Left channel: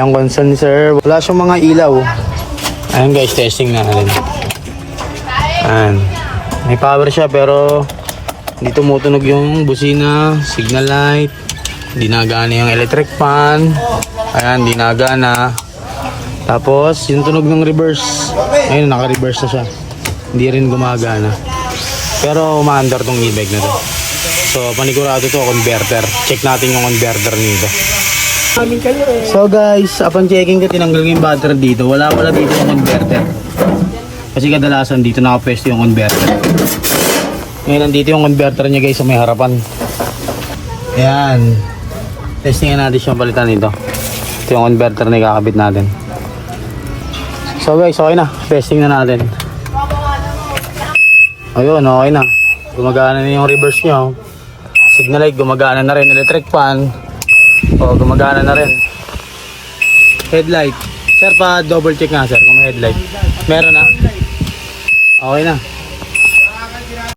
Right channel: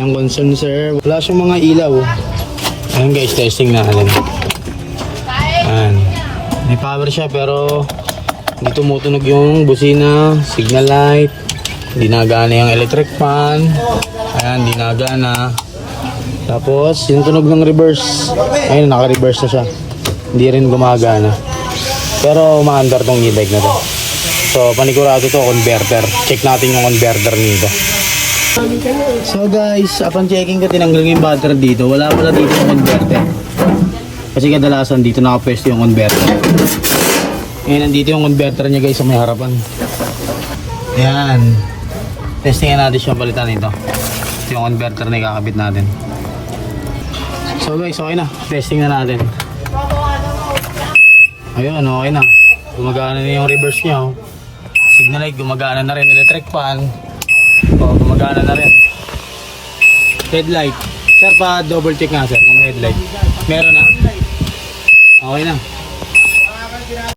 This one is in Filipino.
Ang concern sir, wala siyang mga ilaw. Ayun guys, testing natin. Ayan. May power siya pero hindi tumutunog yung busina, signal light, hindi nagana yung electric fan. Ayan, hindi nagana. Tapos, yung tunog ng reverse. Ayun, naka-reverse na siya. Hindi rin gumagana. Pero umaandar tong e-bike na to. So, panigurado to, converter. Check natin yung converter nito. So guys, upon checking ko, tinanggal yung battery dito. Wala pala dito yung converter. Kasi kadalasan dito nakapwesto yung converter. Ngayon, nandito yung converter niya guys sa may harapan. Ayan. Testingin natin siyang palitan dito. Ito yung converter na ikakabit natin. So guys, okay na. Testing na natin. Ayun, okay na. Gumagana na yung reverse niya. oh. Signal light, gumagana na rin. Electric fan. So, gumagana na rin. Headlight. Sir, pa double check nga sir kung may headlight. Meron na. Okay na.